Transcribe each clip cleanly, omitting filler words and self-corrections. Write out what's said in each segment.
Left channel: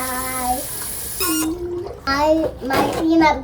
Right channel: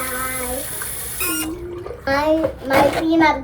die. My peanut,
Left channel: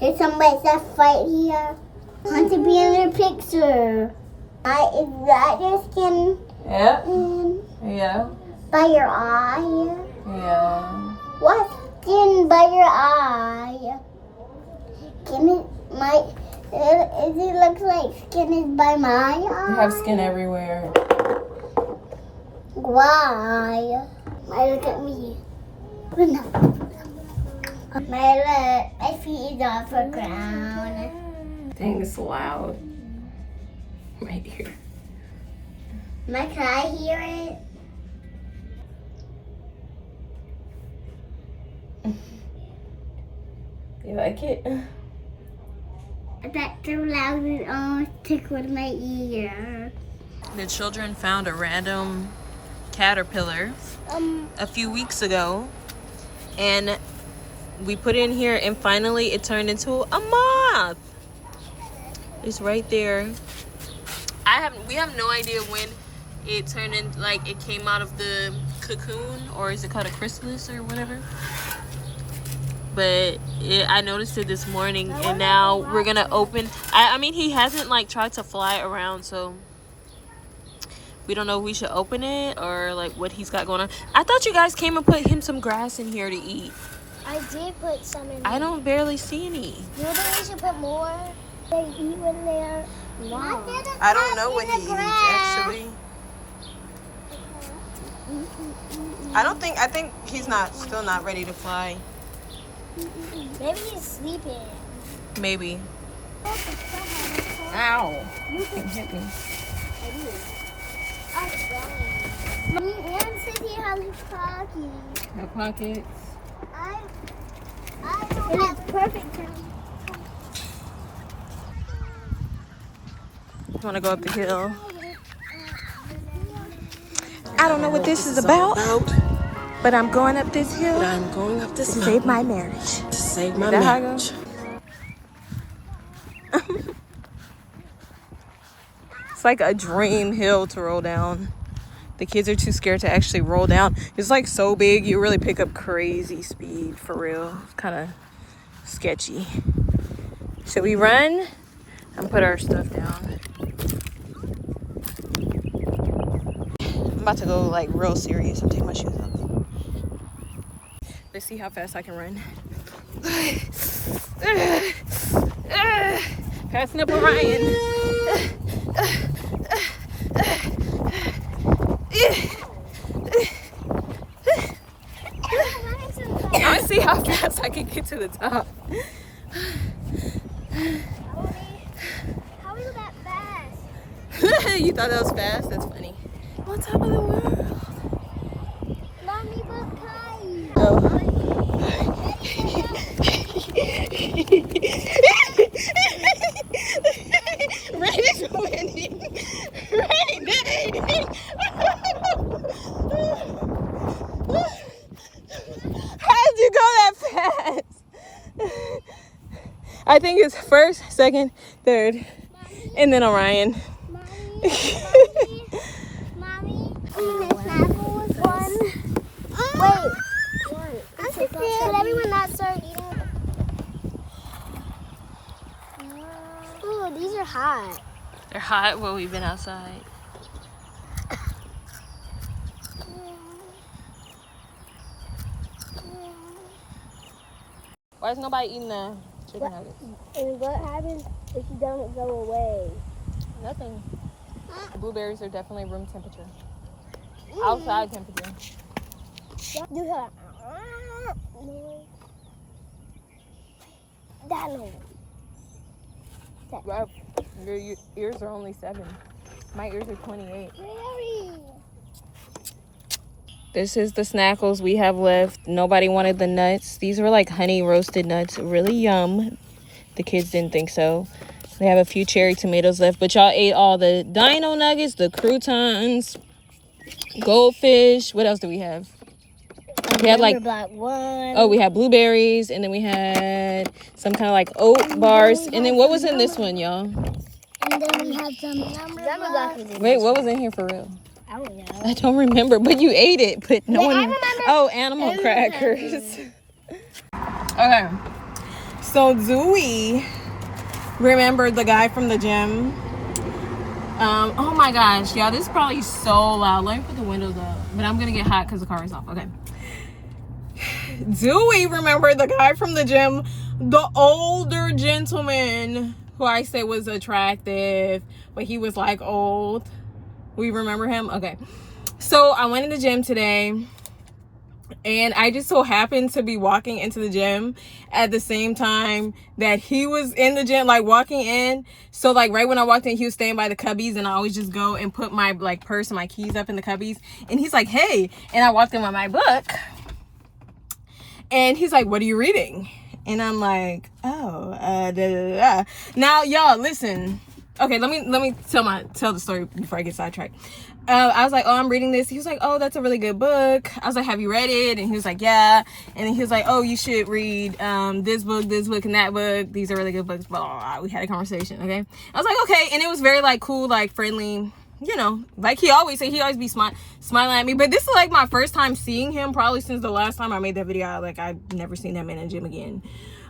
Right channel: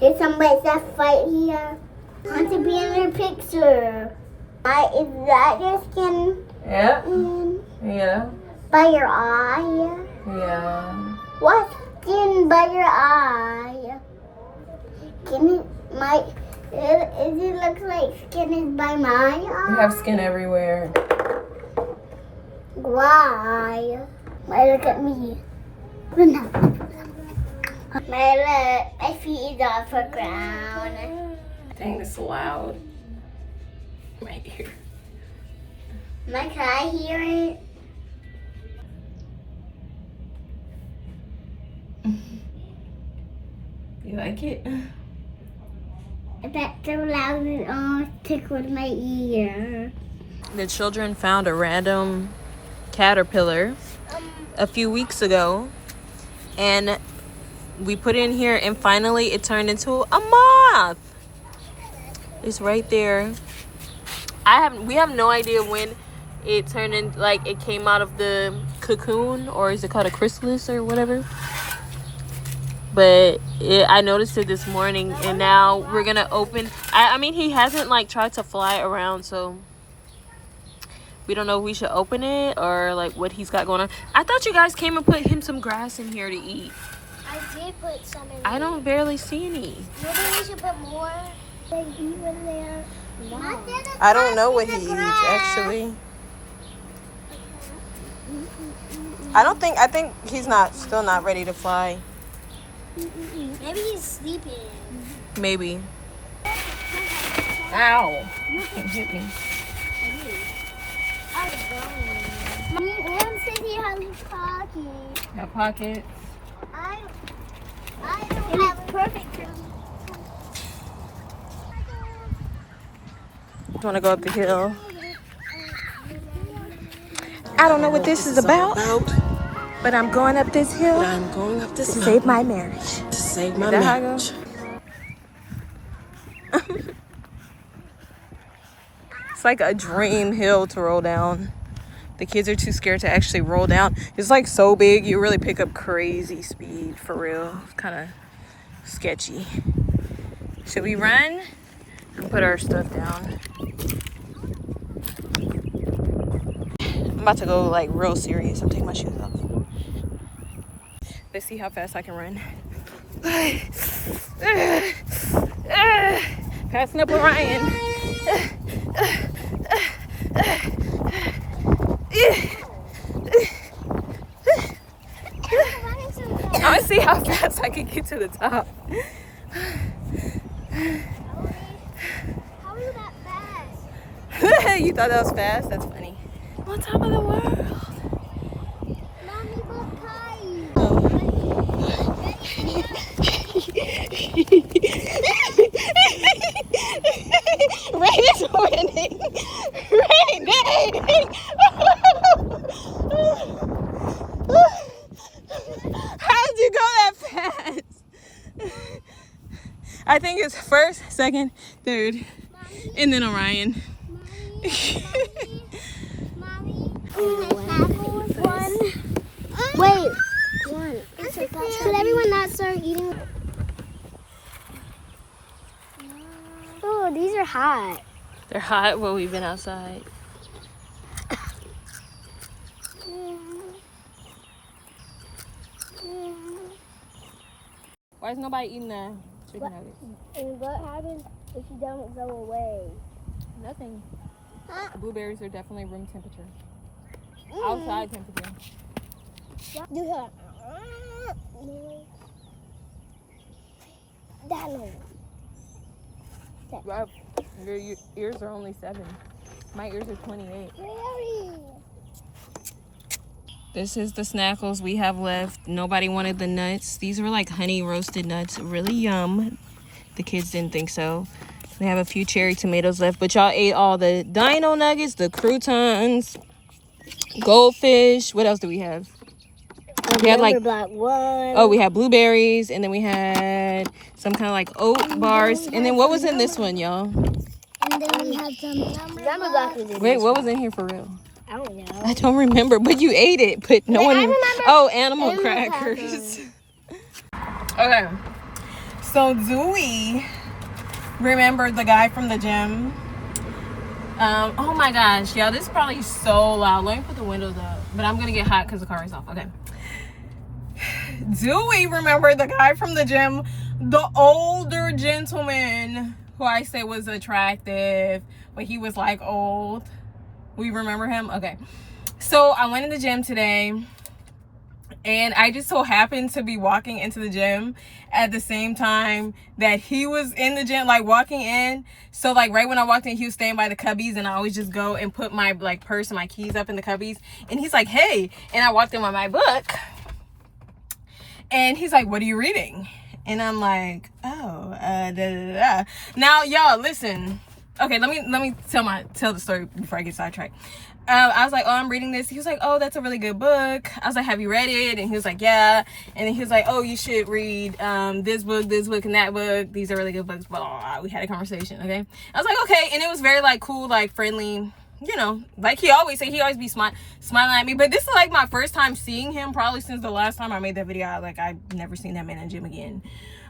there's some white stuff right here. I want to be in your picture. Is that your skin? Yeah. Yeah. By your eye? Yeah. What skin by your eye? Does it look like skin is by my eye? You have skin everywhere. Why? Why look at me? My feet is off the ground. Dang, this is loud. Right here. Can I hear it? You like it? That's so loud it almost tickled my ear. The children found a random caterpillar a few weeks ago, and we put it in here, and finally it turned into a moth. It's right there. We have no idea when it turned in, like it came out of the cocoon, or is it called a chrysalis or whatever? But I noticed it this morning, and now we're gonna open. I mean, he hasn't like tried to fly around, so we don't know if we should open it or like what he's got going on. I thought you guys came and put him some grass in here to eat. I did put some in. I don't barely see any. Maybe we should put more. They eat when they're long. I don't know what he eats actually. I think he's still not ready to fly. Maybe he's sleeping. Maybe. Ow. You can hit me. I'm going. Mommy, and said he has his pocket. Got pockets. I don't have perfect for me. You want to go up the hill? I don't know what this is about, but I'm going up this hill. I'm going up this to mountain save my marriage. to save my Is that how I marriage. It's like a dream hill to roll down. The kids are too scared to actually roll down. It's like so big, you really pick up crazy speed for real. Kind of sketchy. Should we run and put our stuff down? I'm about to go like real serious. I'm taking my shoes off. Let's see how fast I can run. Passing up Orion. I want to see how fast I can get to the top. How are you that fast? You thought that was fast? That's funny. On top of the world. Mommy, look kind. Rain is winning. Rain, dang. How did you go that fast? I think it's first, second, third, and then Orion. Should everyone not start eating? Oh, these are hot. They're hot. Well, we've been outside. Why is nobody eating the chicken nuggets? And what happens if you don't go away? Nothing. The blueberries are definitely room temperature. Outside temperature. You hear that noise. Well, your ears are only 7. My ears are 28. Very. This is the snackles we have left. Nobody wanted the nuts. These were like honey roasted nuts. Really yum. The kids didn't think so. We have a few cherry tomatoes left, but y'all ate all the dino nuggets, the croutons, goldfish. What else do we have? We had like, oh, we had blueberries, and then we had some kind of like oat bars. And then what was in this one, y'all? And then we have some number. Wait, what was in here for real? I don't know. I don't remember, but you ate it. But no Yeah, I one. remember Oh, animal animal crackers. Okay. So Zooey remembered the guy from the gym. Oh my gosh, y'all, this is probably so loud. Let me put the windows up. But I'm gonna get hot because the car is off. Okay. Dewey remembered the guy from the gym, the older gentleman who I say was attractive, but he was like old. We remember him? Okay. So I went in the gym today, and I just so happened to be walking into the gym at the same time that he was in the gym, like walking in. So like right when I walked in, he was staying by the cubbies, and I always just go and put my like purse and my keys up in the cubbies. And he's like, hey, and I walked in with my book. And he's like, what are you reading? And I'm like, oh, da, da, da. Now, y'all, listen. Okay, let me tell the story before I get sidetracked. I was like, oh, I'm reading this. He was like, oh, that's a really good book. I was like, have you read it? And he was like, yeah. And then he was like, oh, you should read this book, and that book. These are really good books. Blah, blah, blah. We had a conversation, okay? I was like, okay. And it was very, like, cool, like, friendly. You know, like he always be smiling at me. But this is like my first time seeing him, probably since the last time I made that video. I've never seen him in a gym again.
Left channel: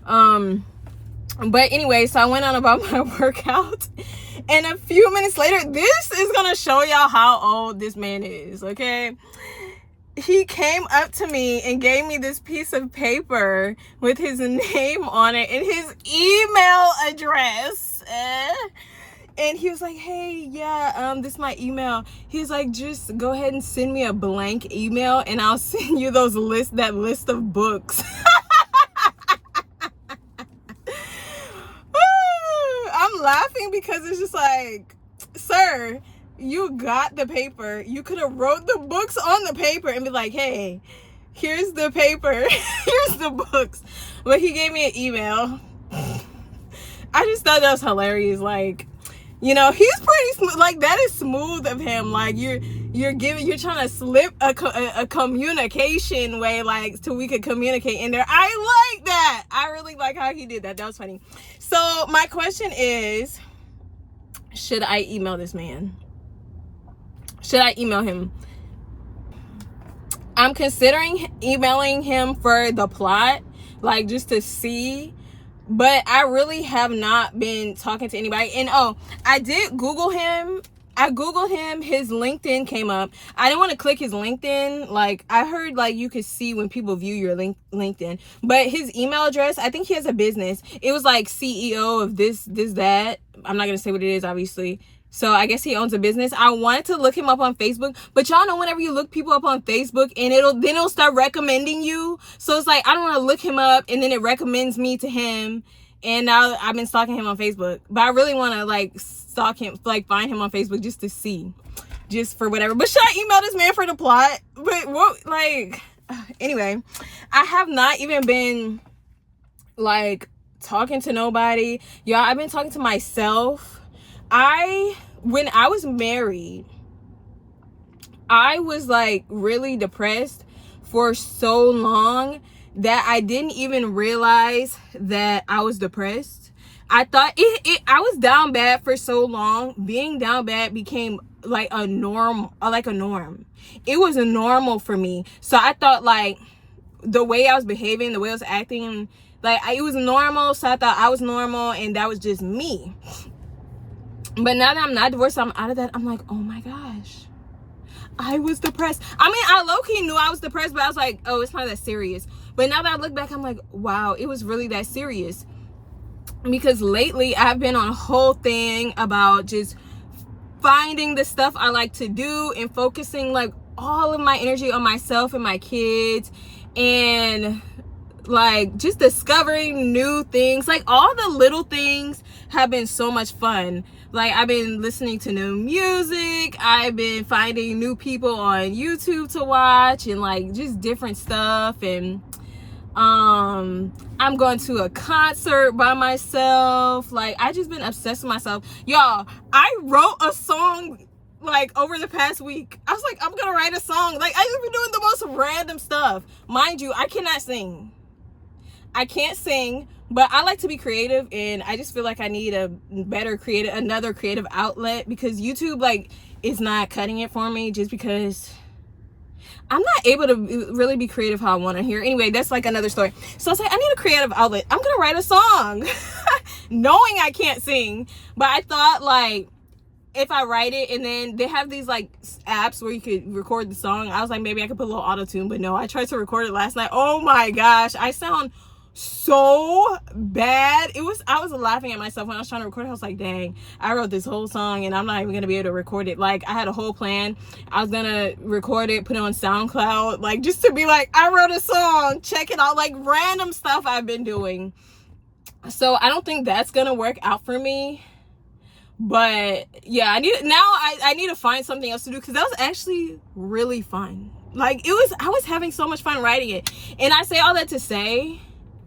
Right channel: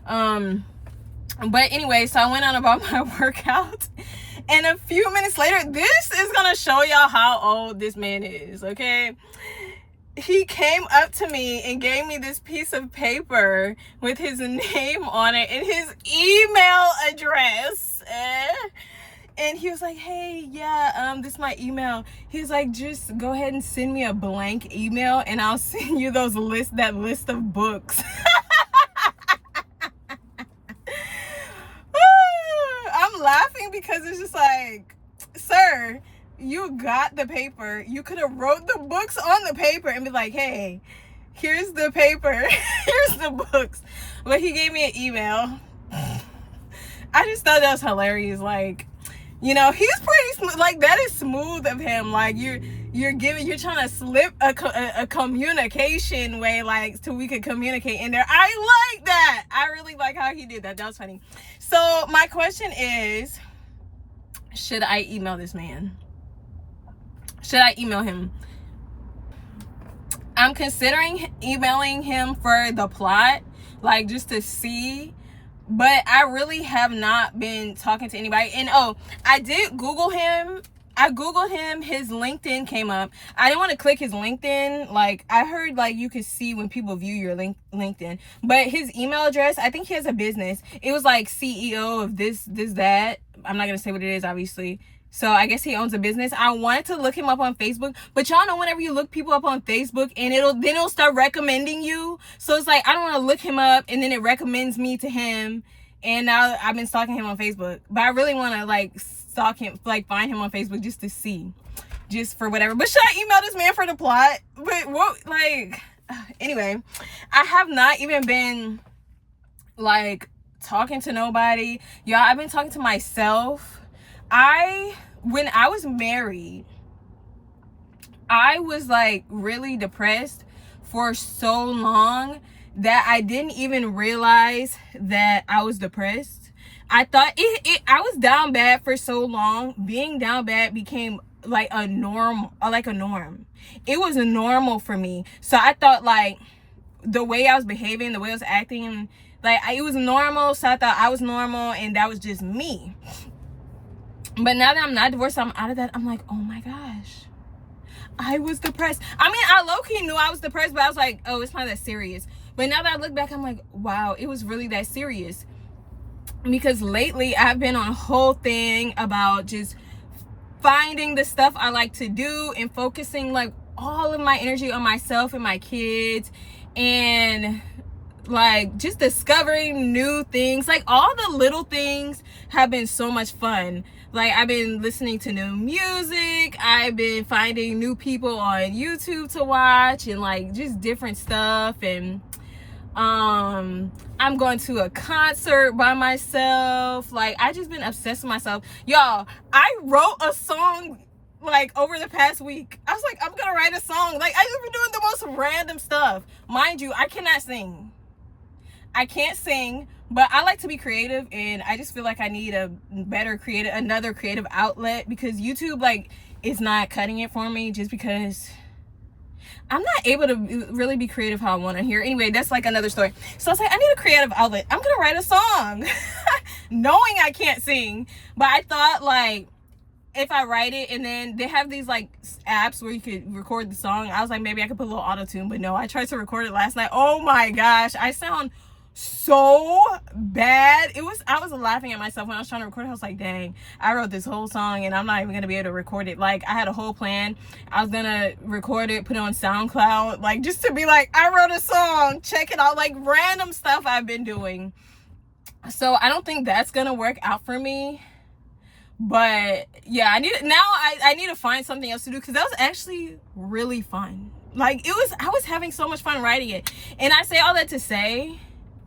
But anyway, so I went on about my workout, and a few minutes later, this is gonna show y'all how old this man is, okay? He came up to me and gave me this piece of paper with his name on it and his email address. And he was like, hey, yeah, this is my email. He was like, just go ahead and send me a blank email and I'll send you that list of books. I'm laughing because it's just like, sir, you got the paper. You could have wrote the books on the paper and be like, hey, here's the paper. Here's the books. But he gave me an email. I just thought that was hilarious. Like, you know, he's pretty smooth. Like, that is smooth of him. Like, you're trying to slip a communication way, like, so we could communicate in there. I like that. I really like how he did that. That was funny. So my question is, should I email this man? Should I email him? I'm considering emailing him for the plot, like, just to see. But I really have not been talking to anybody. And oh, I did Google him. I Googled him. His LinkedIn came up. I didn't want to click his LinkedIn. Like, I heard, like, you could see when people view your LinkedIn. But his email address, I think he has a business. It was like CEO of this, that. I'm not going to say what it is, obviously. So I guess he owns a business. I wanted to look him up on Facebook, but y'all know whenever you look people up on Facebook and it'll start recommending you. So it's like, I don't want to look him up and then it recommends me to him. And now I've been stalking him on Facebook, but I really want to like stalk him, like find him on Facebook just to see, just for whatever. But should I email this man for the plot? But what, like, anyway, I have not even been like talking to nobody. Y'all, I've been talking to myself. When I was married, I was like really depressed for so long that I didn't even realize that I was depressed. I thought I was down bad for so long. Being down bad became like a norm. It was a normal for me. So I thought like the way I was behaving, the way I was acting, like it was normal. So I thought I was normal and that was just me. But now that I'm not divorced, I'm out of that. I'm like, oh my gosh, I was depressed. I mean, I low-key knew I was depressed, but I was like, oh, it's not that serious. But now that I look back, I'm like, wow, it was really that serious. Because lately, I've been on a whole thing about just finding the stuff I like to do and focusing like all of my energy on myself and my kids. And like just discovering new things. Like all the little things have been so much fun. Like I've been listening to new music, I've been finding new people on YouTube to watch and like just different stuff. And I'm going to a concert by myself. Like I just been obsessed with myself. Y'all, I wrote a song like over the past week. I was like, I'm gonna write a song. Like I just been doing the most random stuff. Mind you, I cannot sing. I can't sing, but I like to be creative, and I just feel like I need another creative outlet, because YouTube, like, it's not cutting it for me, just because I'm not able to really be creative how I want to hear. Anyway, that's like another story. So I was like, I need a creative outlet. I'm gonna write a song, knowing I can't sing. But I thought, like, if I write it, and then they have these like apps where you could record the song. I was like, maybe I could put a little auto-tune, but no, I tried to record it last night. Oh my gosh, I sound so bad. I was laughing at myself when I was trying to record it. I was like, dang, I wrote this whole song and I'm not even gonna be able to record it. Like, I had a whole plan. I was gonna record it, put it on SoundCloud, like, just to be like, I wrote a song, check it out, like random stuff I've been doing. So I don't think that's gonna work out for me. But yeah, I need to find something else to do, because that was actually really fun. Like, I was having so much fun writing it. And I say all that to say,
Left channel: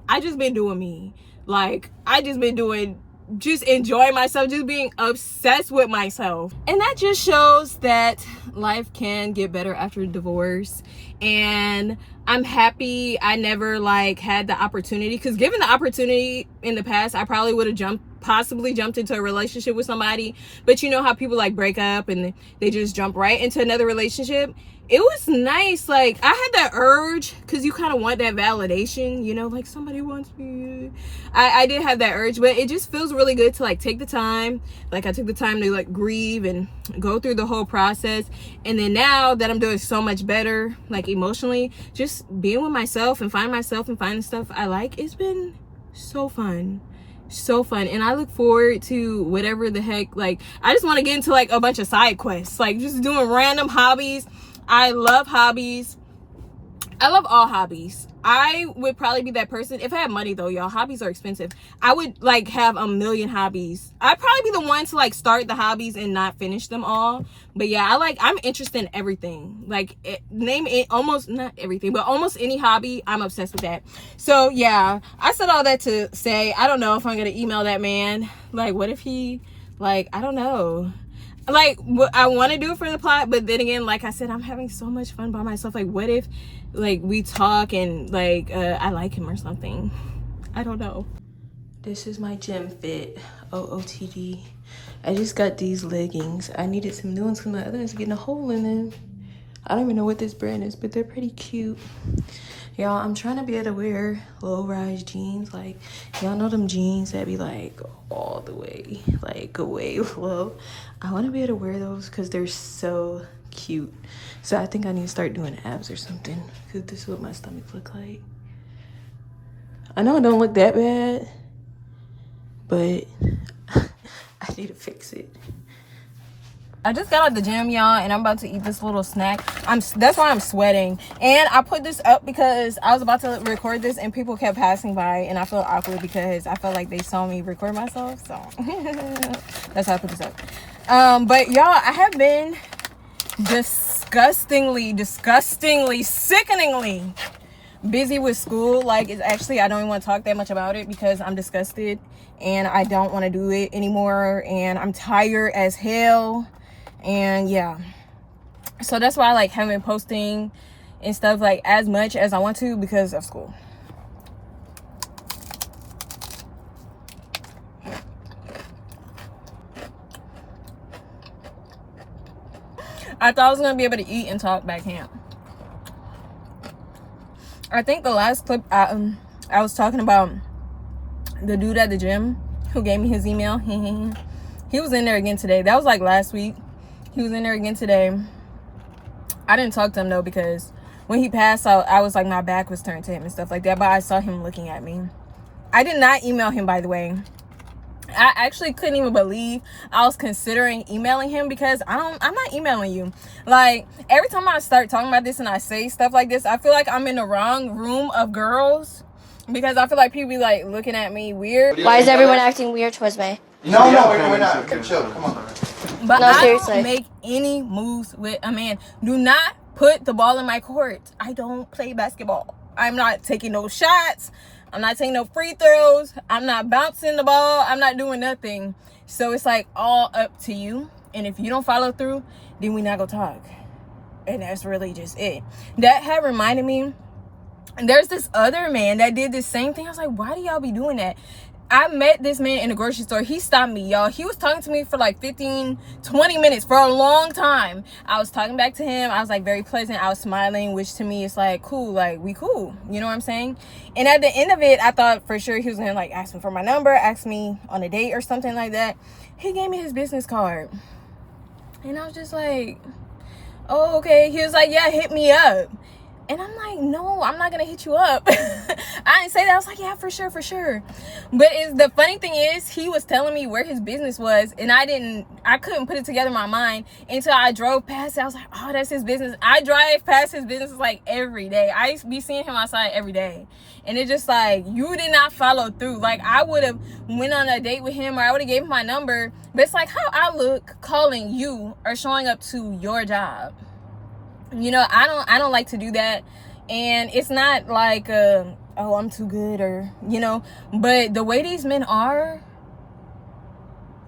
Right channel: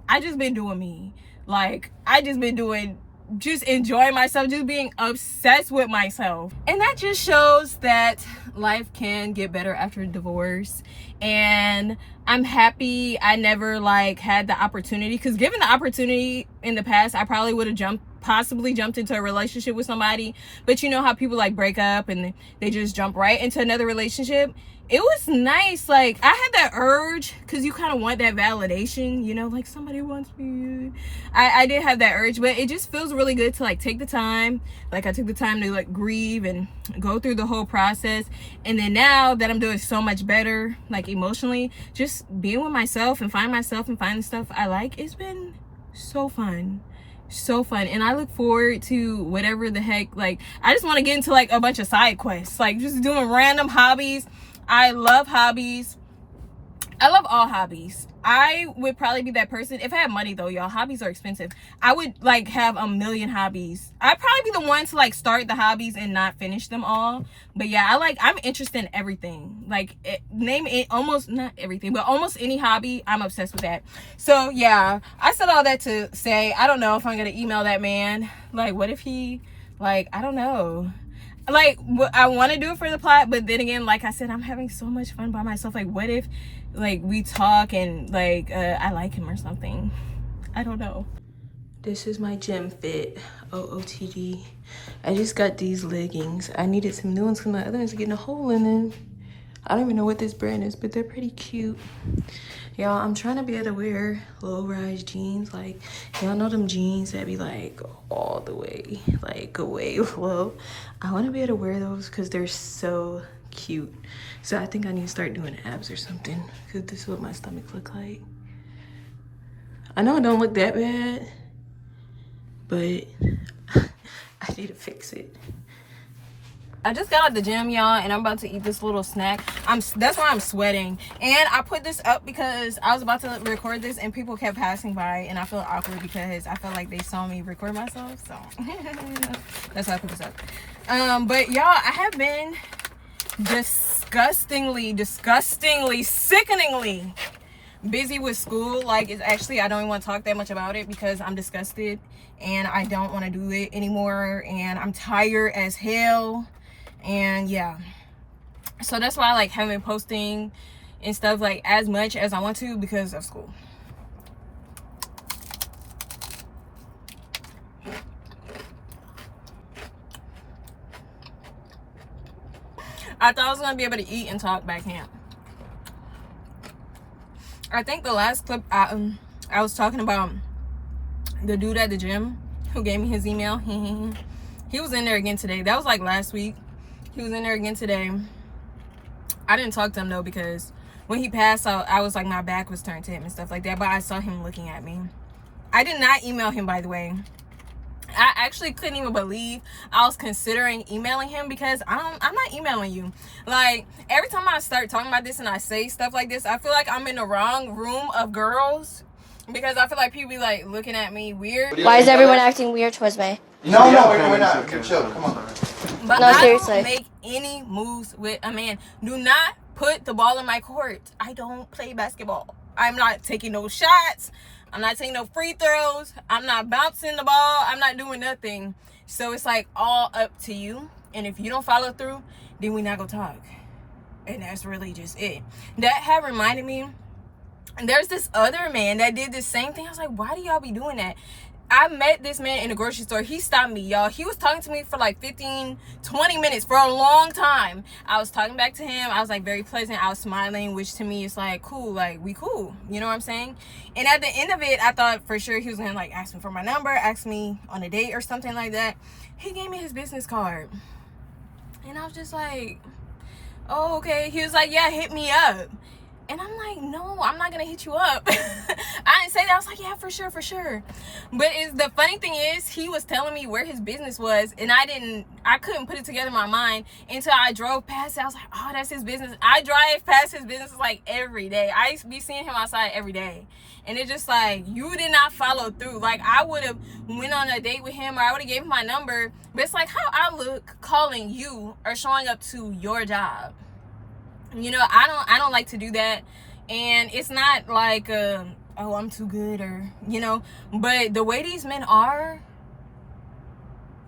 I just been doing me. Like, I just been just enjoying myself, just being obsessed with myself. And that just shows that life can get better after divorce. And I'm happy I never like had the opportunity, because given the opportunity in the past, I probably would have possibly jumped into a relationship with somebody. But you know how people like break up and they just jump right into another relationship. It was nice. Like, I had that urge, because you kind of want that validation, you know, like somebody wants me. I did have that urge, but it just feels really good to like take the time. Like, I took the time to like grieve and go through the whole process. And then now that I'm doing so much better, like emotionally, just being with myself and finding the stuff I like, it's been so fun. So fun. And I look forward to whatever the heck, like, I just want to get into like a bunch of side quests, like just doing random hobbies. I love hobbies. I love all hobbies. I would probably be that person if I had money, though, y'all. Hobbies are expensive. I would like have a million hobbies. I'd probably be the one to like start the hobbies and not finish them all. But yeah, I'm interested in everything. Like, name it, almost not everything, but almost any hobby, I'm obsessed with that. So yeah, I said all that to say, I don't know if I'm gonna email that man. Like, what if he, like, I don't know. Like, I want to do it for the plot, but then again, like I said, I'm having so much fun by myself. Like, what if like we talk and like I like him or something? I don't know. This is my gym fit, OOTD. I just got these leggings. I needed some new ones because my other ones are getting a hole in them. I don't even know what this brand is, but they're pretty cute. Y'all, I'm trying to be able to wear low-rise jeans. Like, y'all know them jeans that be like all the way, like way low. I want to be able to wear those because they're so cute. So I think I need to start doing abs or something, because this is what my stomach look like. I know it don't look that bad, but I need to fix it. I just got out the gym, y'all, and I'm about to eat this little snack. That's why I'm sweating. And I put this up because I was about to record this and people kept passing by, and I felt awkward because I felt like they saw me record myself. So that's why I put this up. But y'all, I have been disgustingly, sickeningly busy with school. Like, it's actually, I don't even want to talk that much about it because I'm disgusted and I don't want to do it anymore, and I'm tired as hell. And yeah, so that's why I like haven't been posting and stuff like as much as I want to because of school. I thought I was gonna be able to eat and talk back here. I think the last clip I was talking about the dude at the gym who gave me his email. He was in there again today. That was like last week. He was in there again today. I didn't talk to him though because when he passed out, I was like, my back was turned to him and stuff like that. But I saw him looking at me. I did not email him, by the way. I actually couldn't even believe I was considering emailing him because I'm not emailing you. Like, every time I start talking about this and I say stuff like this, I feel like I'm in the wrong room of girls because I feel like people be like looking at me weird. Why is everyone acting weird towards me? No, we're not. You're chill. Come on. But No, I seriously. don't make any moves with a man. Do not put the ball in my court. I don't play basketball. I'm not taking no shots. I'm not taking no free throws. I'm not bouncing the ball. I'm not doing nothing. So it's like all up to you. And if you don't follow through, then we not gonna talk. And that's really just it. That had reminded me, there's this other man that did the same thing. I was like, why do y'all be doing that? I met this man in the grocery store. He stopped me, y'all. He was talking to me for like 15, 20 minutes for a long time. I was talking back to him. I was like very pleasant. I was smiling, which to me is like cool. Like, we cool. You know what I'm saying? And at the end of it, I thought for sure he was gonna like ask me for my number, ask me on a date or something like that. He gave me his business card. And I was just like, oh, okay. He was like, yeah, hit me up. And I'm like, no, I'm not gonna hit you up. I didn't say that. I was like, yeah, for sure. But the funny thing is, he was telling me where his business was, and I couldn't put it together in my mind until I drove past it. I was like, oh, that's his business. I drive past his business like every day. I be seeing him outside every day. And it's just like, you did not follow through. Like, I would have went on a date with him, or I would have gave him my number. But it's like how I look calling you or showing up to your job. You know, I don't like to do that. And it's not like oh, I'm too good, or, you know, but the way these men are,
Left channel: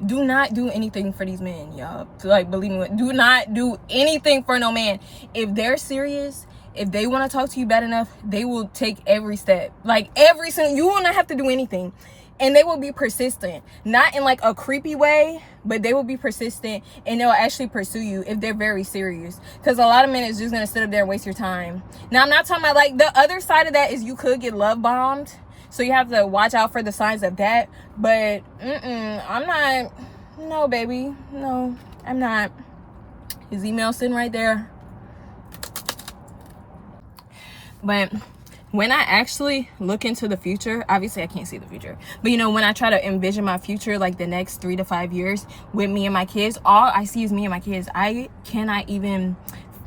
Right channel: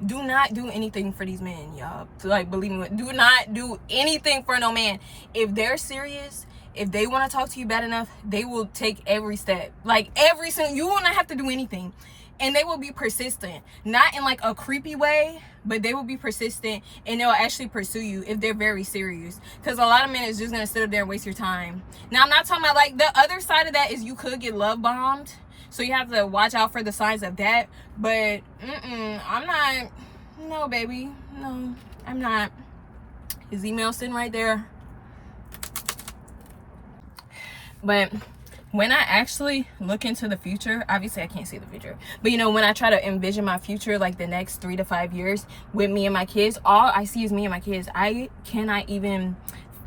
do not do anything for these men, y'all. Like, believe me, do not do anything for no man. If they're serious, if they want to talk to you bad enough, they will take every step. Like, every single, you will not have to do anything. And they will be persistent, not in like a creepy way, but they will be persistent, and they'll actually pursue you if they're very serious. Because a lot of men is just gonna sit up there and waste your time. Now, I'm not talking about, like, the other side of that is you could get love bombed, so you have to watch out for the signs of that. But I'm not. No, baby, no, I'm not. His email's sitting right there. But when I actually look into the future, obviously I can't see the future, but you know, when I try to envision my future, like the next 3 to 5 years with me and my kids, all I see is me and my kids. I cannot even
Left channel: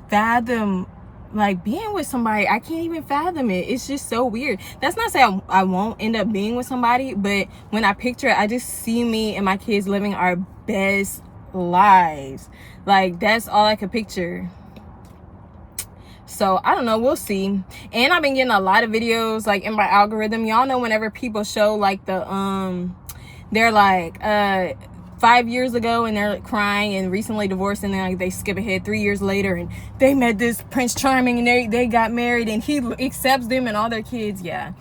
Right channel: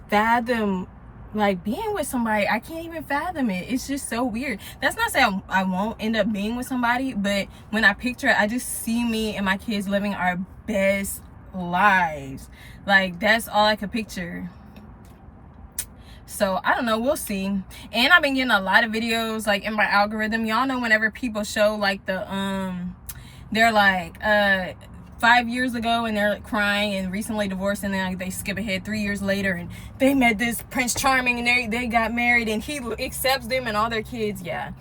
fathom like being with somebody. I can't even fathom it. It's just so weird. That's not saying I won't end up being with somebody, but when I picture it, I just see me and my kids living our best lives. Like, that's all I could picture. So I don't know, we'll see. And I've been getting a lot of videos like in my algorithm. Y'all know whenever people show like the they're like 5 years ago and they're like crying and recently divorced, and then like they skip ahead 3 years later and they met this Prince Charming and they got married and he accepts them and all their kids. Yeah,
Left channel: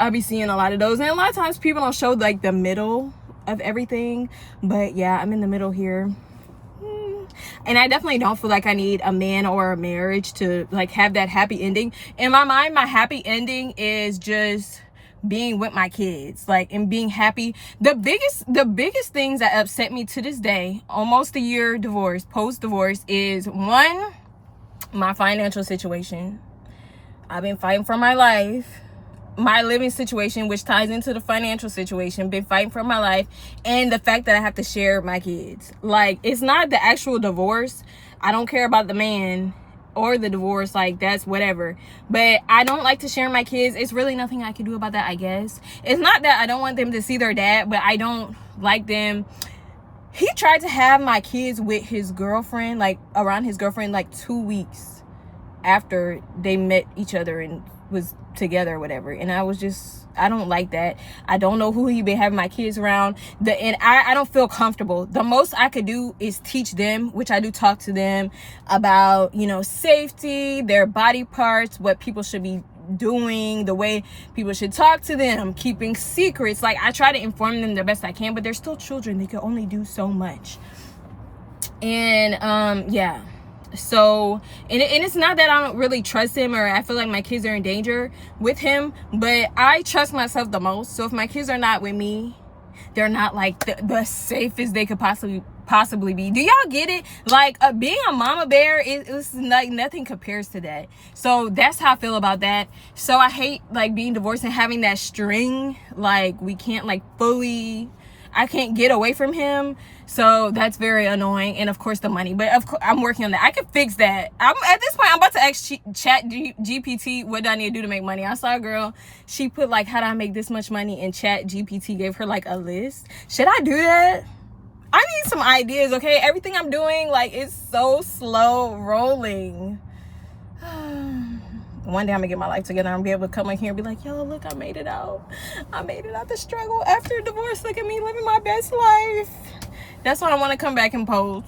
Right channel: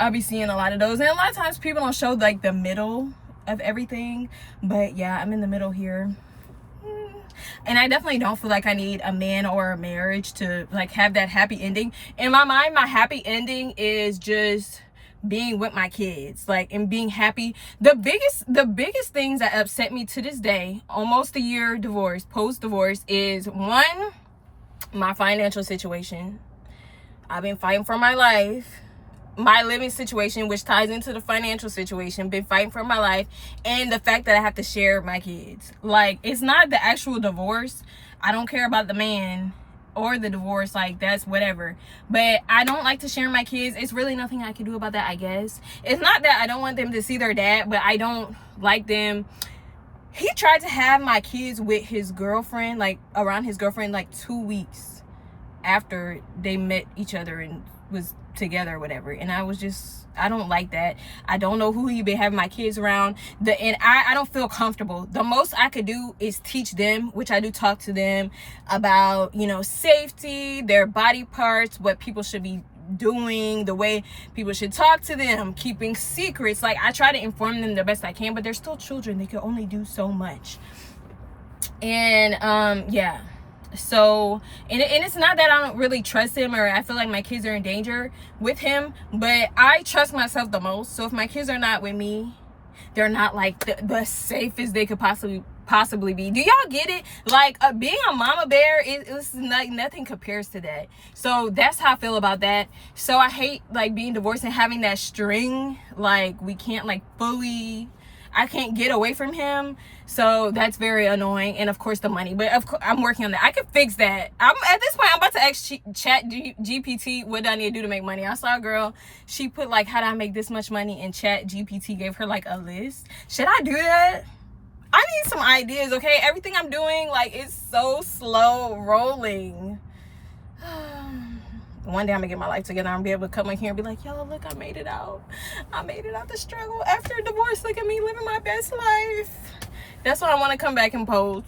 I'll be seeing a lot of those. And a lot of times people don't show like the middle of everything, but yeah, I'm in the middle here. And I definitely don't feel like I need a man or a marriage to like have that happy ending. In my mind, my happy ending is just being with my kids, like, and being happy. The biggest things that upset me to this day, almost a year divorce, post-divorce, is one, my financial situation. I've been fighting for my life. My living situation, which ties into the financial situation, been fighting for my life, and the fact that I have to share my kids. Like, it's not the actual divorce. I don't care about the man or the divorce, like, that's whatever. But I don't like to share my kids. It's really nothing I can do about that, I guess. It's not that I don't want them to see their dad, but I don't like them. He tried to have my kids with his girlfriend, like around his girlfriend, like 2 weeks after they met each other and was together or whatever. And I was just, I don't like that. I don't know who he been having my kids around. And I don't feel comfortable. The most I could do is teach them, which I do, talk to them about, you know, safety, their body parts, what people should be doing, the way people should talk to them, keeping secrets. Like, I try to inform them the best I can, but they're still children. They can only do so much. And yeah. So, and it's not that I don't really trust him or I feel like my kids are in danger with him, but I trust myself the most. So if my kids are not with me, they're not like the safest they could possibly be. Do y'all get it? Like, being a mama bear is like nothing compares to that. So that's how I feel about that. So I hate like being divorced and having that string. Like, we can't like fully, I can't get away from him. So that's very annoying. And of course the money, but of course I'm working on that. I could fix that. At this point I'm about to ask chat GPT what do I need to do to make money. I saw a girl, she put like, how do I make this much money, and chat GPT gave her like a list. Should I do that? I need some ideas, okay? Everything I'm doing, like, it's so slow rolling. One day I'm gonna get my life together. I'm gonna be able to come in here and be like, yo, look, I made it out. I made it out the struggle after divorce. Look at me living my best life. That's why I want to come back and pose.